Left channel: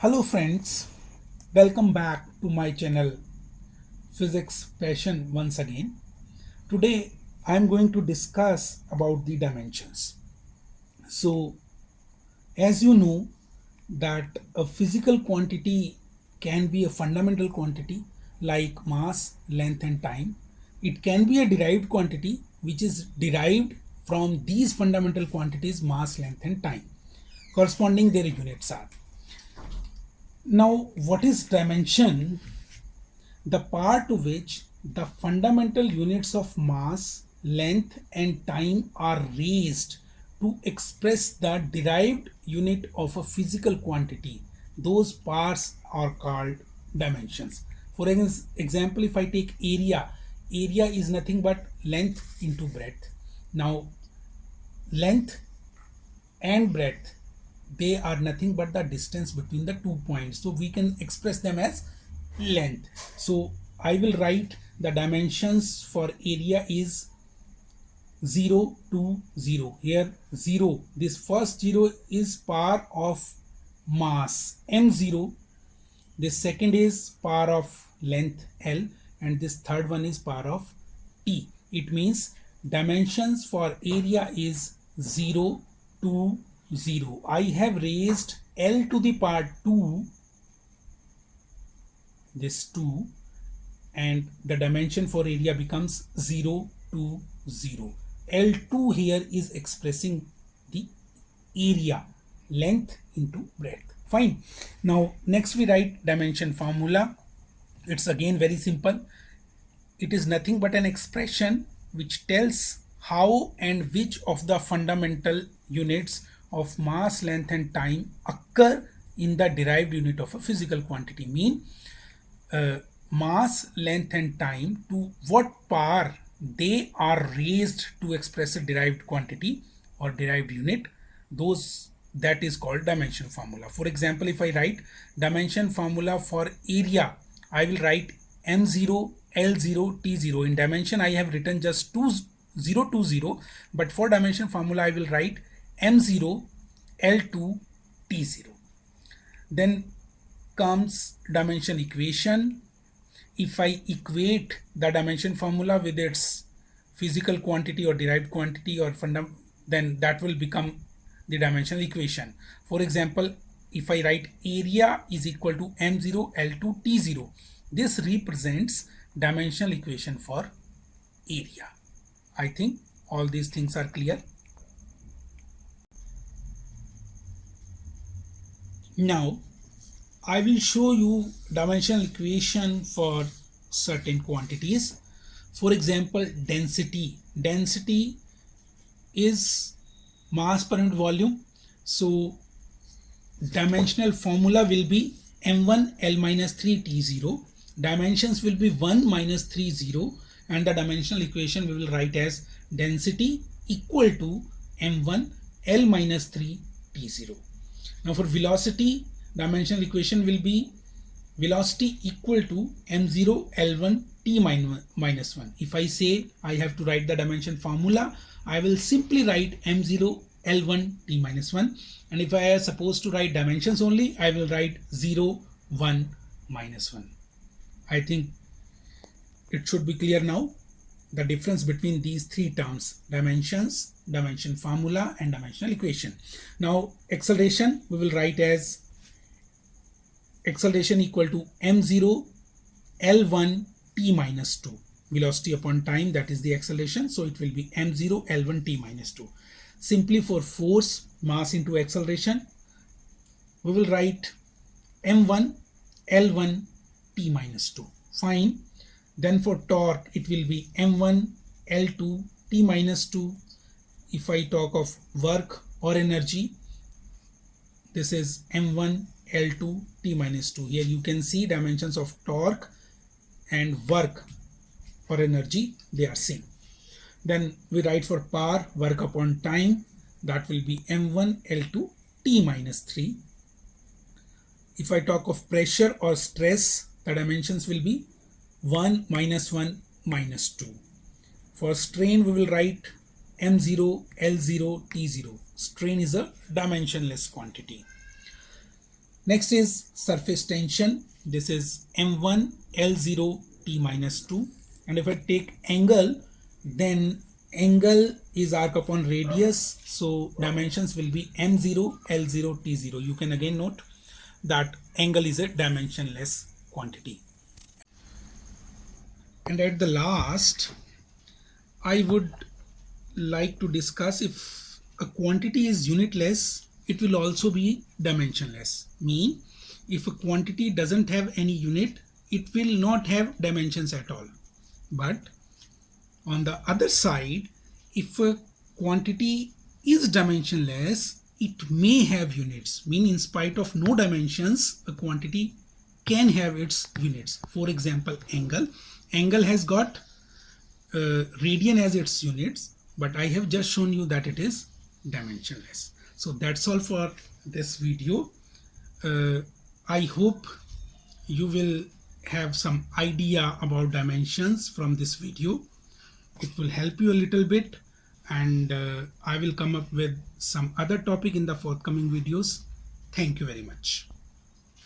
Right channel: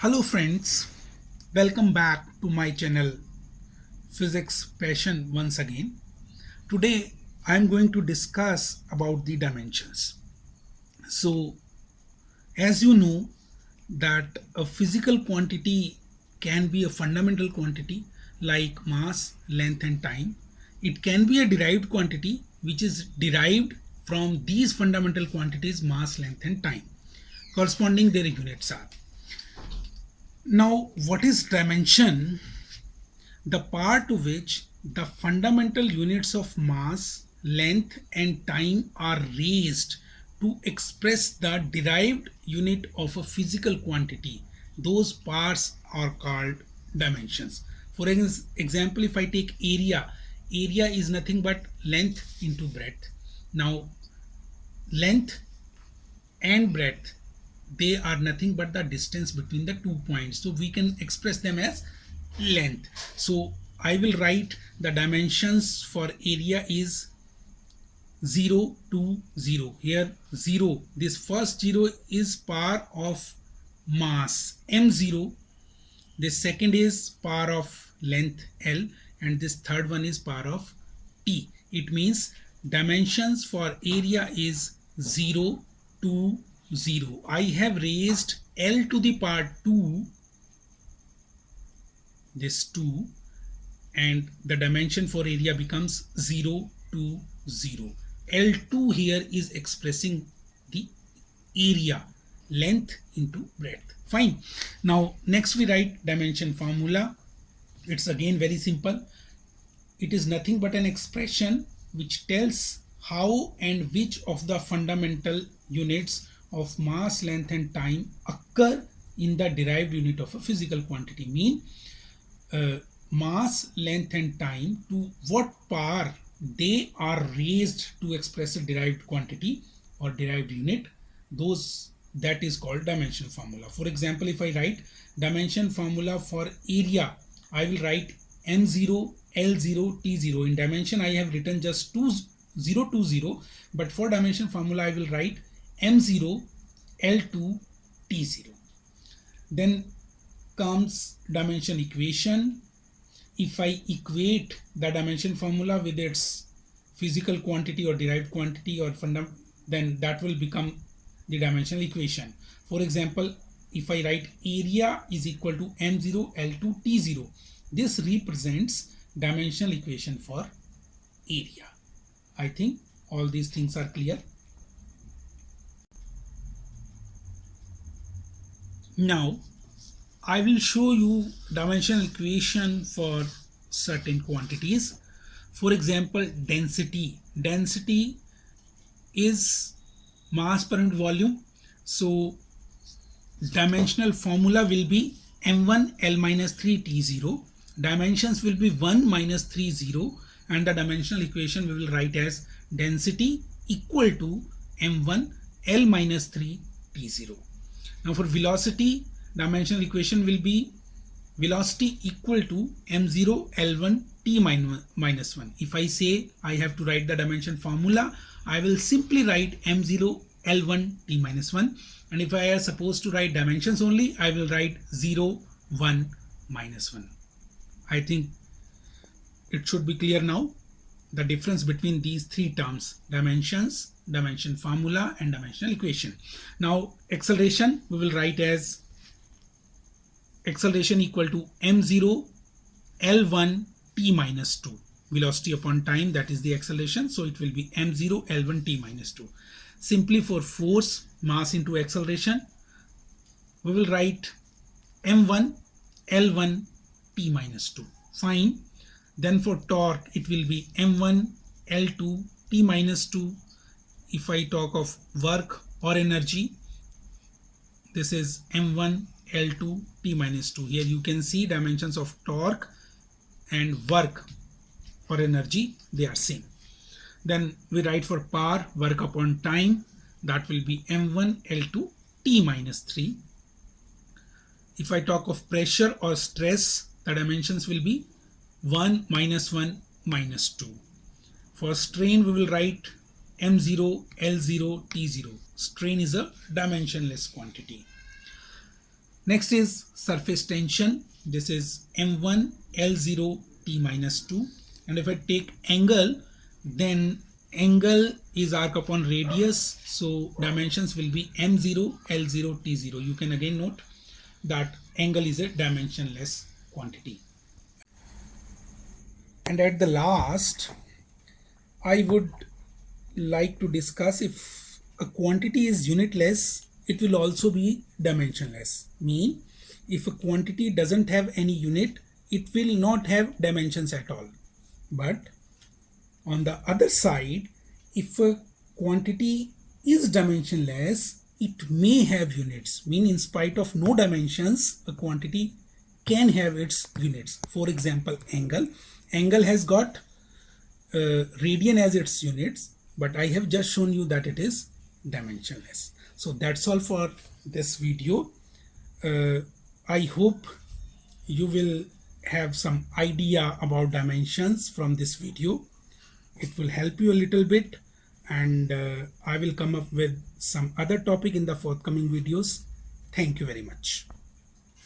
Hello friends, welcome back to my channel Physics Passion once again. Today I am going to discuss about the dimensions. So as you know that a physical quantity can be a fundamental quantity like mass, length and time. It can be a derived quantity which is derived from these fundamental quantities mass, length and time. Corresponding their units are. Now what is dimension? The part to which the fundamental units of mass, length and time are raised to express the derived unit of a physical quantity. Those parts are called dimensions. For example, if I take area, area is nothing but length into breadth. Now length and breadth, they are nothing but the distance between the 2 points, so we can express them as length. So I will write the dimensions for area is 0 to 0. Here 0, this first 0 is power of mass m0, this second is power of length L, and this third one is power of T. It means dimensions for area is 0 to 0. I have raised L to the power 2, this 2, and the dimension for area becomes 0 to 0. L2 here is expressing the area, length into breadth. Fine. Now next we write dimension formula. It's again very simple. It is nothing but an expression which tells how and which of the fundamental units of mass, length and time occur in the derived unit of a physical quantity. Mean mass, length and time, to what power they are raised to express a derived quantity or derived unit, that is called dimension formula. For example, if I write dimension formula for area, I will write m0, l0, t0. In dimension I have written just 0 to 0, but for dimension formula I will write m0, l2, t0. Then comes dimension equation. If I equate the dimension formula with its physical quantity or derived quantity or then that will become the dimensional equation. For example, if I write area is equal to m0 l2 t0, this represents dimensional equation for area. I think all these things are clear. Now I will show you dimensional equation for certain quantities. For example, density. Density is mass per unit volume. So dimensional formula will be m1 l minus 3 t0. Dimensions will be 1 minus 3 0, and the dimensional equation we will write as density equal to m1 l minus 3 t0. Now for velocity, dimensional equation will be velocity equal to m0 l1 t minus 1. If I say I have to write the dimension formula, I will simply write m0 l1 t minus 1, and if I am supposed to write dimensions only, I will write 0 1 minus 1. I think it should be clear now the difference between these three terms: dimensions, dimension formula and dimensional equation. Now acceleration we will write as acceleration equal to m0 l1 t minus 2. Velocity upon time, that is the acceleration, so it will be m0 l1 t minus 2. Simply for force, mass into acceleration, we will write m1 l1 t minus 2. Fine. Then for torque, it will be m1 l2 t minus 2. If I talk of work or energy, this is m1 l2 t minus 2. Here you can see dimensions of torque and work or energy, they are same. Then we write for power, work upon time, that will be m1 l2 t minus 3. If I talk of pressure or stress, the dimensions will be 1 minus 1 minus 2. For strain we will write m0 l0 t0. Strain is a dimensionless quantity. Next is surface tension. This is M1 L0 T minus 2. And if I take angle, then angle is arc upon radius. So dimensions will be M0 L0 T0. You can again note that angle is a dimensionless quantity. And at the last, I would like to discuss if a quantity is unitless, it will also be dimensionless. Mean, if a quantity doesn't have any unit, it will not have dimensions at all. But on the other side, if a quantity is dimensionless, it may have units. Mean, in spite of no dimensions, a quantity can have its units. For example, angle. Angle has got radian as its units, but I have just shown you that it is dimensionless. So that's all for this video. I hope you will have some idea about dimensions from this video. It will help you a little bit, and I will come up with some other topic in the forthcoming videos. Thank you very much.